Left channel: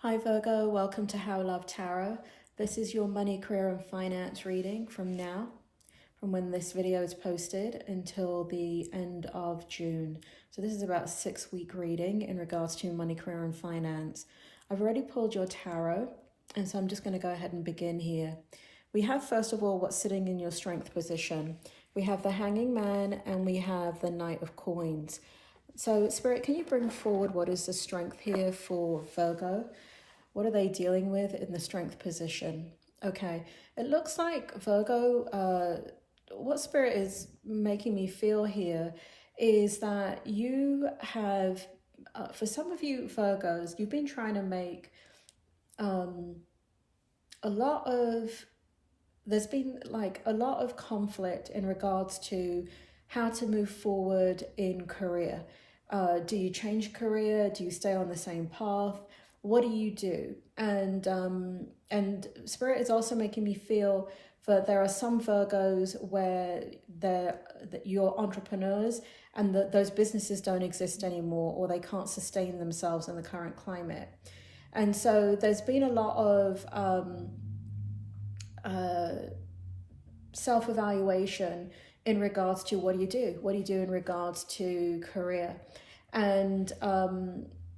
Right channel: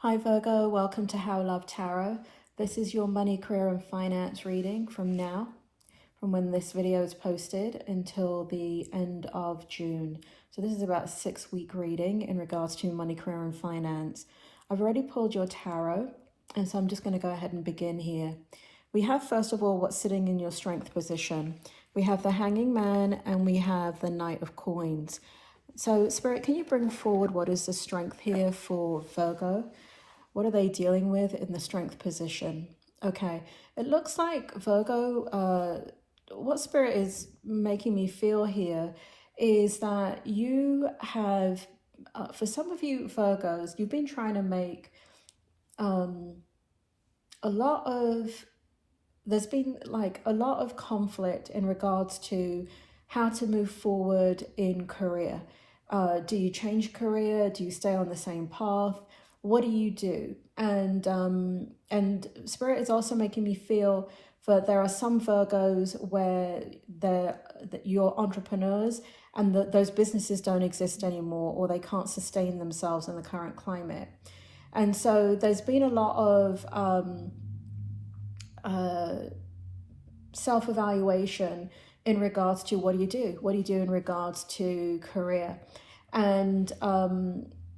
Hi Virgo, welcome to How Love Tarot. This is your money, career and finance reading from when this video is posted until the end of June. So this is about a 6-week reading in regards to money, career and finance. I've already pulled your tarot, and so I'm just going to go ahead and begin here. We have, first of all, what's sitting in your strength position. We have the Hanging Man and we have the Knight of Coins. So Spirit, can you bring forward what is the strength here for Virgo? What are they dealing with in the strength position? Okay, it looks like Virgo, what Spirit is making me feel here is that you have, for some of you Virgos, you've been trying to make there's been like a lot of conflict in regards to how to move forward in career. Do you change career? Do you stay on the same path? What do you do? And Spirit is also making me feel that there are some Virgos where you're entrepreneurs and that those businesses don't exist anymore, or they can't sustain themselves in the current climate. And so there's been a lot of self-evaluation in regards to what do you do in regards to career. And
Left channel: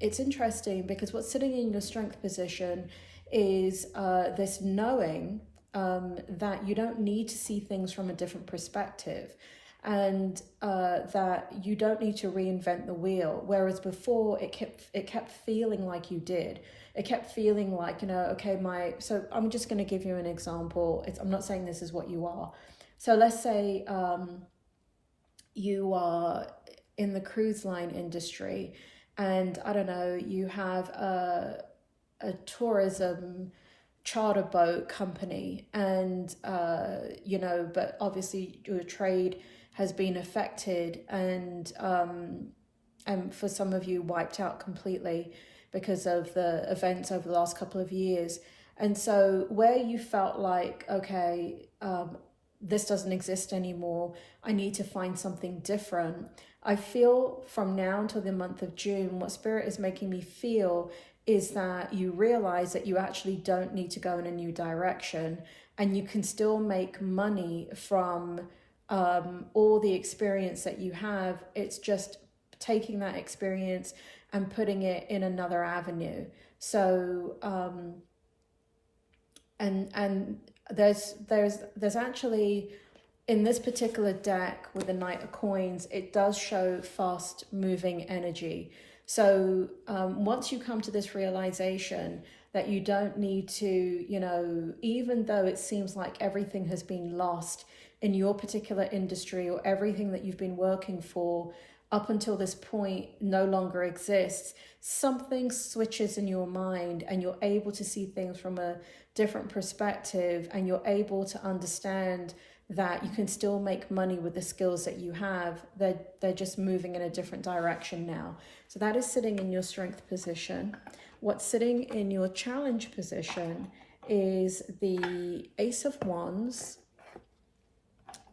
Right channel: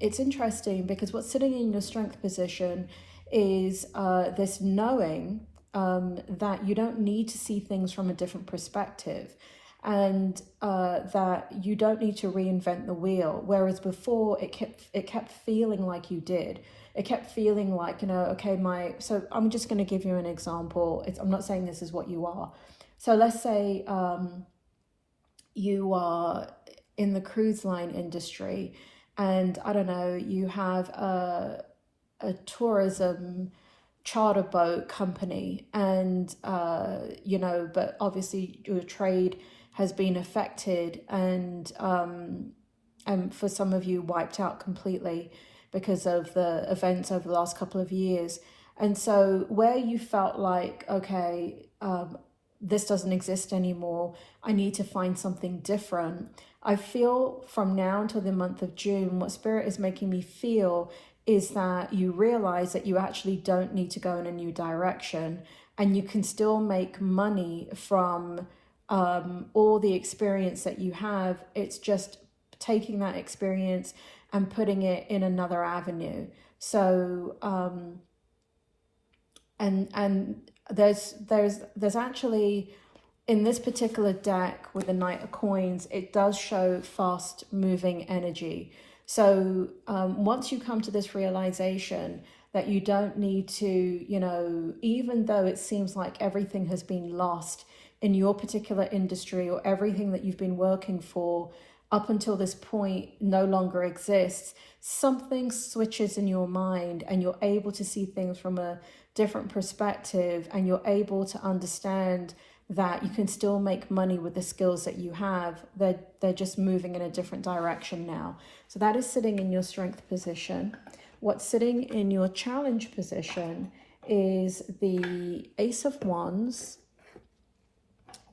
it's interesting because what's sitting in your strength position is this knowing that you don't need to see things from a different perspective, and that you don't need to reinvent the wheel, whereas before it kept feeling like you did. It kept feeling like, okay, so I'm just going to give you an example. I'm not saying this is what you are. So let's say you are in the cruise line industry, and I don't know, you have a tourism charter boat company, and but obviously your trade has been affected, and for some of you wiped out completely because of the events over the last couple of years. And so where you felt like, okay, this doesn't exist anymore, I need to find something different. I feel from now until the month of June, what Spirit is making me feel is that you realize that you actually don't need to go in a new direction, and you can still make money from all the experience that you have. It's just taking that experience and putting it in another avenue. So and there's actually, in this particular deck with the Knight of Coins, it does show fast moving energy. So once you come to this realization that you don't need to, even though it seems like everything has been lost in your particular industry, or everything that you've been working for up until this point no longer exists, something switches in your mind and you're able to see things from a different perspective, and you're able to understand that you can still make money with the skills that you have. They're just moving in a different direction now. So that is sitting in your strength position. What's sitting in your challenge position is the Ace of Wands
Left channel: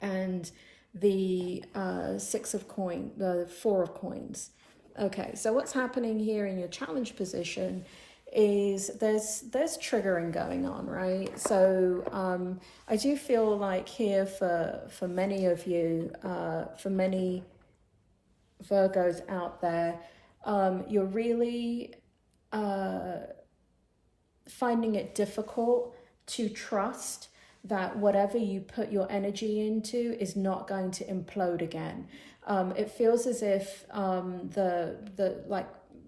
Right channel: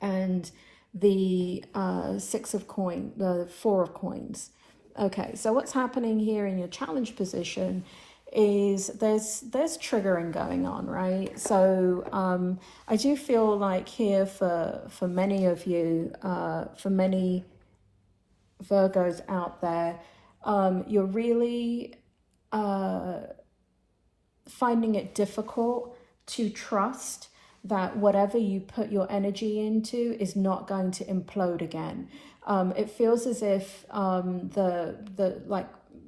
and the the Four of Coins. Okay, so what's happening here in your challenge position is there's triggering going on, right? So I do feel like here for many of you, for many Virgos out there, you're really finding it difficult to trust that whatever you put your energy into is not going to implode again. It feels as if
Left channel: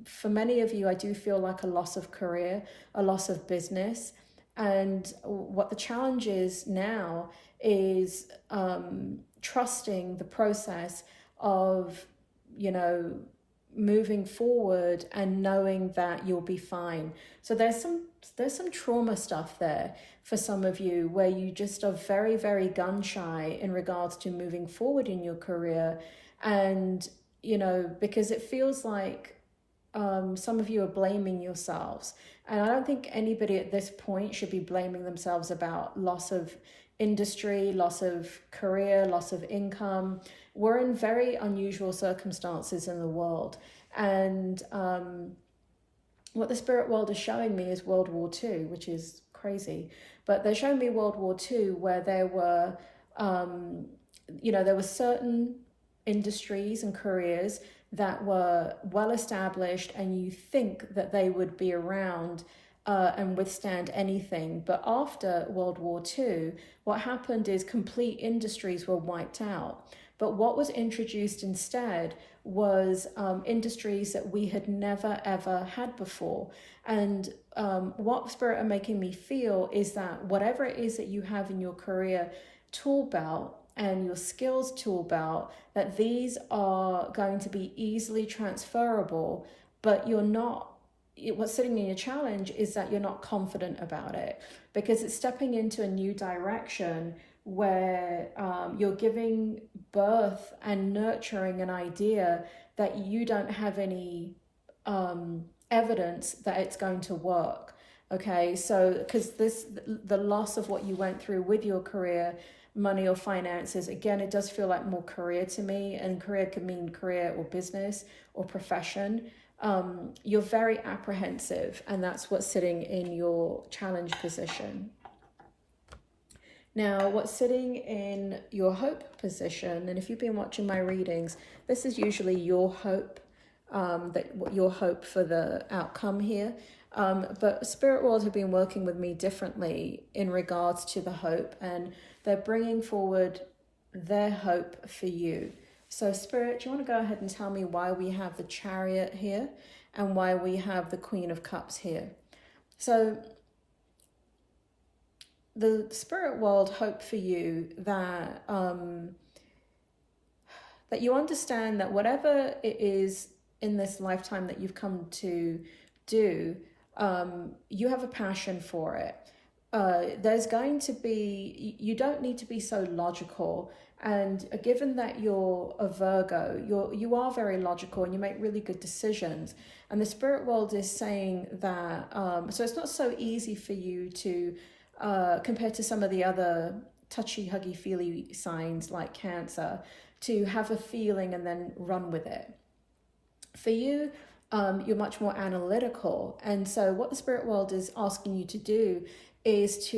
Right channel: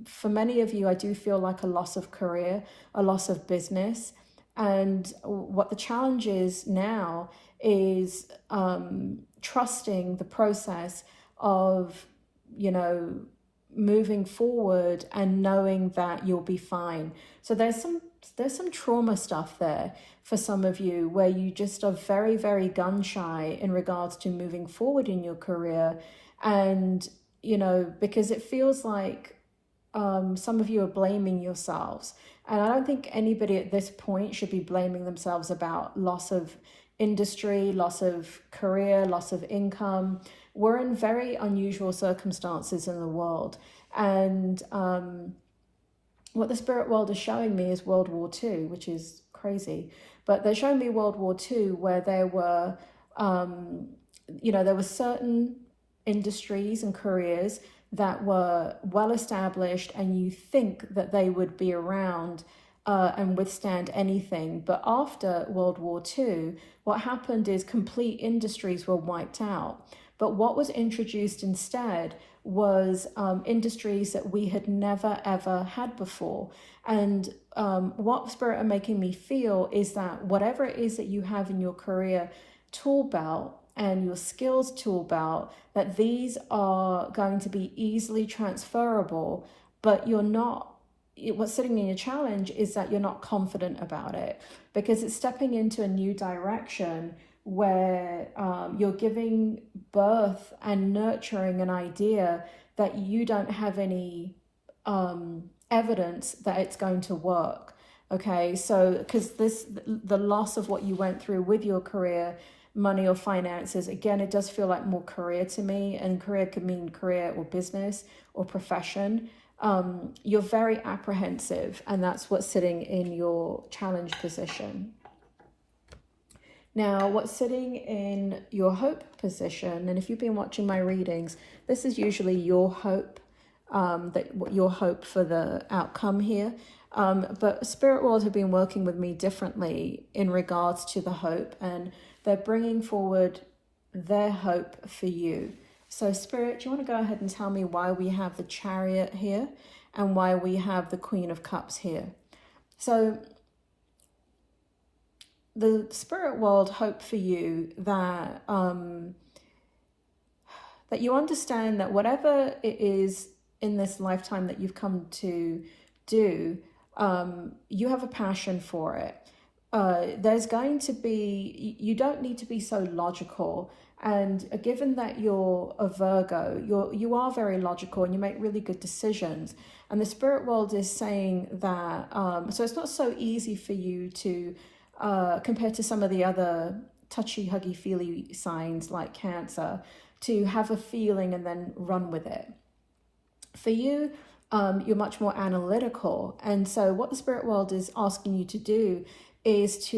for many of you, I do feel like a loss of career, a loss of business. And what the challenge is now is trusting the process of, moving forward and knowing that you'll be fine. So there's some trauma stuff there for some of you, where you just are very, very gun shy in regards to moving forward in your career. And, because it feels like some of you are blaming yourselves. And I don't think anybody at this point should be blaming themselves about loss of industry, loss of career, loss of income. We're in very unusual circumstances in the world. And what the spirit world is showing me is World War II, which is crazy. But they're showing me World War II where there were, there were certain industries and careers that were well established, and you think that they would be around and withstand anything. But after World War II, what happened is complete industries were wiped out. But what was introduced instead was industries that we had never ever had before. And what Spirit are making me feel is that whatever it is that you have in your career tool belt and your skills tool belt, that these are going to be easily transferable, but you're not, what's sitting in your challenge is that you're not confident about it, because it's stepping into a new direction where you're giving birth and nurturing an idea that you don't have any evidence that it's going to work. Okay, so because the loss of what you went through with your career, money or finances, again, it does feel like more career to me, and career could mean career or business or profession. You're very apprehensive, and that's what's sitting in your challenge position. Now, what's sitting in your hope position, and if you've been watching my readings, this is usually your hope, your hope for the outcome here. But Spirit World have been working with me differently in regards to the hope, and they're bringing forward their hope for you. So Spirit, do you want to go ahead and tell me why we have the Chariot here and why we have the Queen of Cups here? So the Spirit World hope for you that that you understand that whatever it is in this lifetime that you've come to do, you have a passion for it. There's going to be, you don't need to be so logical. And given that you're a Virgo, you are very logical and you make really good decisions. And the Spirit World is saying that, so it's not so easy for you to, compared to some of the other touchy, huggy, feely signs like Cancer, to have a feeling and then run with it. For you, you're much more analytical. And so what the Spirit World is asking you to do is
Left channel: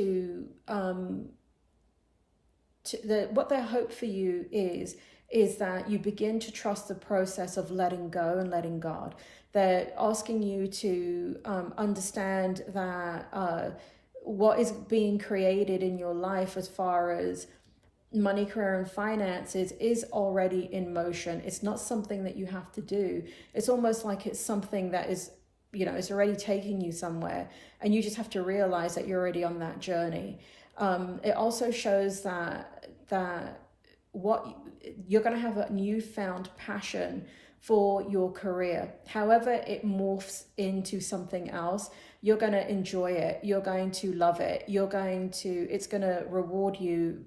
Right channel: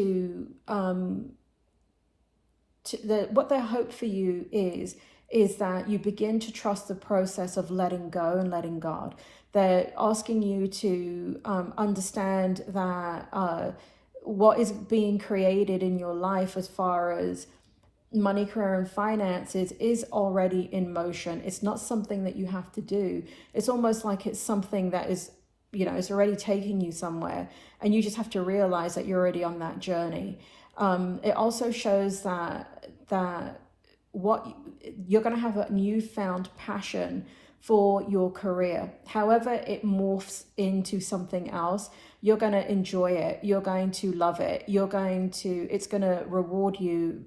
what their hope for you is that you begin to trust the process of letting go and letting God. They're asking you to understand that what is being created in your life as far as money, career, and finances is already in motion. It's not something that you have to do. It's almost like it's something that is, it's already taking you somewhere, and you just have to realize that you're already on that journey. It also shows that what you're going to have a newfound passion for your career. However it morphs into something else, you're going to enjoy it. You're going to love it. It's going to reward you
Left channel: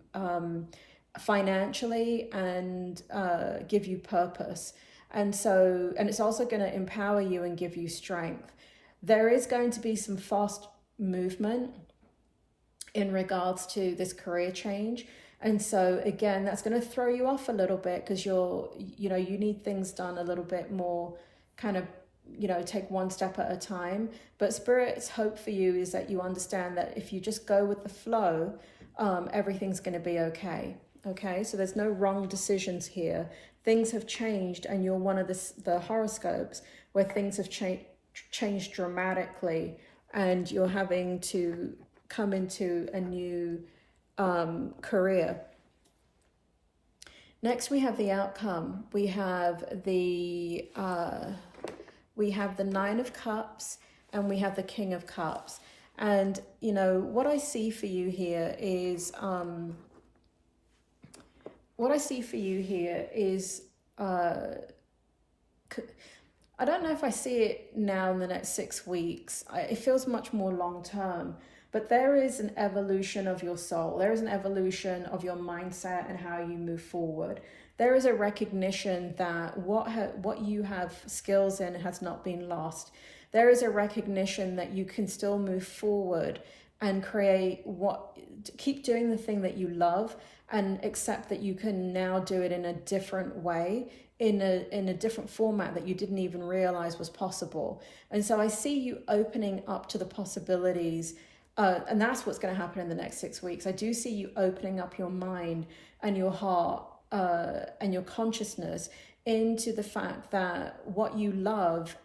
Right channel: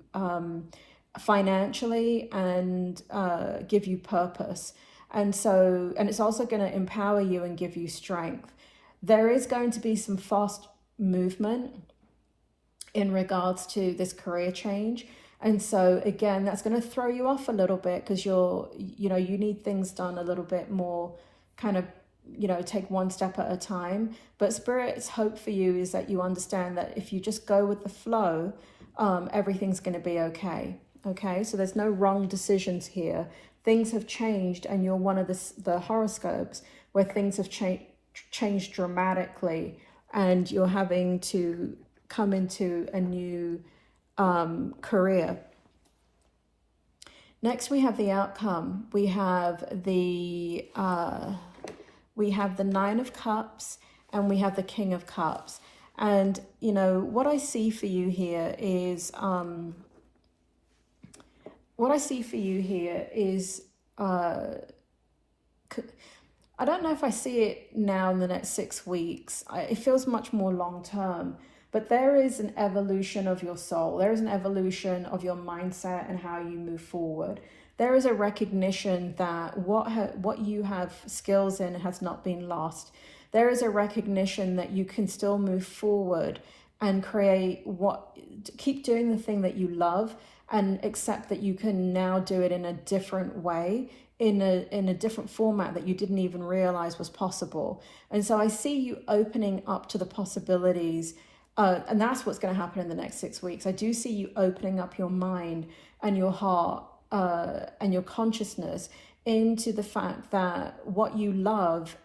financially and give you purpose. And it's also going to empower you and give you strength. There is going to be some fast movement in regards to this career change. And so again, that's going to throw you off a little bit, because you need things done a little bit more kind of, take one step at a time. But Spirit's hope for you is that you understand that if you just go with the flow, everything's going to be okay. Okay, so there's no wrong decisions here. Things have changed, and you're one of the horoscopes where things have changed dramatically, and you're having to come into a new career. Next, we have the outcome. We have the Nine of Cups, and we have the King of Cups. And what I see for you here is I don't know if I see it now in the next 6 weeks. It feels much more long term. But there is an evolution of your soul. There is an evolution of your mindset and how you move forward. There is a recognition that what you have skills in has not been lost. There is a recognition that you can still move forward and keep doing the thing that you love, and accept that you can now do it in a different way, in a different format that you didn't even realize was possible. And so I see you opening up to the possibilities, and that's what's going to happen in the next 6 weeks. I do see you opening up your mind and your heart and your consciousness into the fact that what you love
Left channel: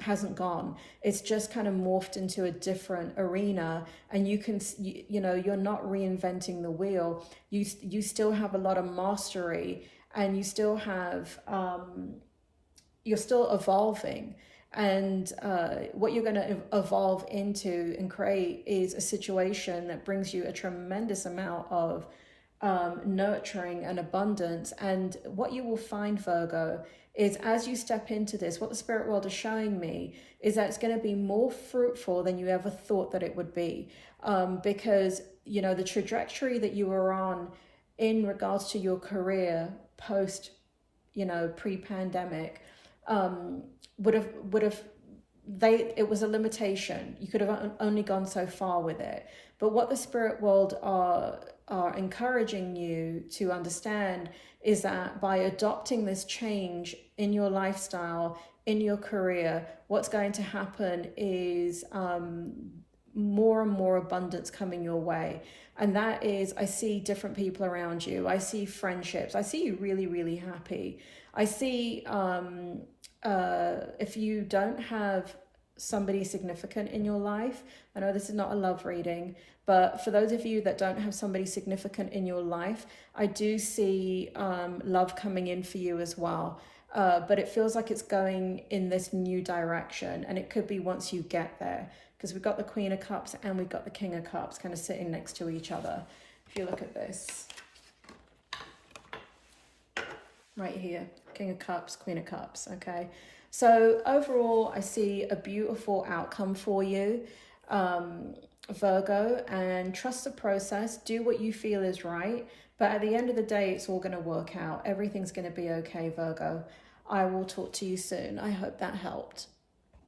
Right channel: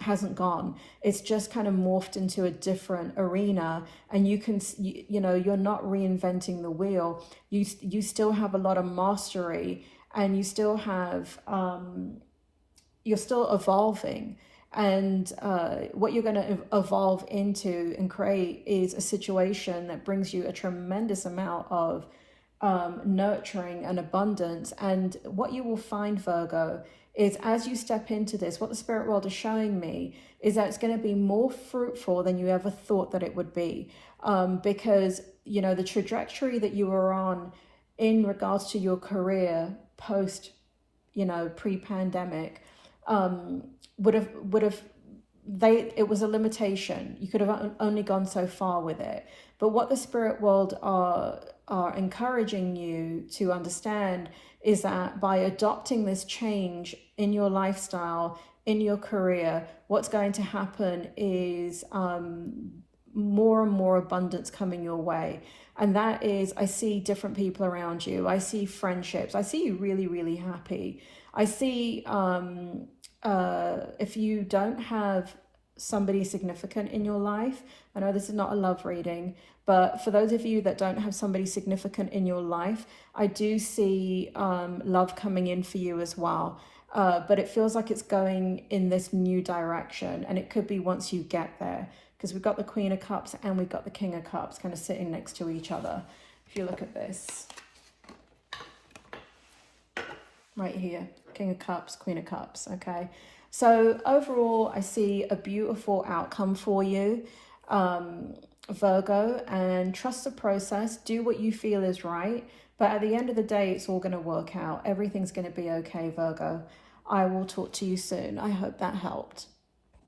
hasn't gone. It's just kind of morphed into a different arena, and you know, you're not reinventing the wheel. You still have a lot of mastery, and you still have you're still evolving. And what you're going to evolve into and create is a situation that brings you a tremendous amount of nurturing and abundance. And what you will find, Virgo, is as you step into this, what the spirit world is showing me is that it's going to be more fruitful than you ever thought that it would be, because, you know, the trajectory that you were on in regards to your career post, you know, pre-pandemic, it was a limitation. You could have only gone so far with it. But what the spirit world are encouraging you to understand is that by adopting this change in your lifestyle, in your career, what's going to happen is more and more abundance coming your way. And that is, I see different people around you. I see friendships. I see you really, really happy. I see if you don't have somebody significant in your life, I know this is not a love reading, but for those of you that don't have somebody significant in your life, I do see love coming in for you as well. But it feels like it's going in this new direction, and it could be once you get there, because we've got the Queen of Cups and we've got the King of Cups kind of sitting next to each other. If you look at this, right here, King of Cups, Queen of Cups, okay? So overall, I see a beautiful outcome for you, Virgo, and trust the process. Do what you feel is right. But at the end of the day, it's all going to work out. Everything's going to be okay, Virgo. I will talk to you soon. I hope that helped.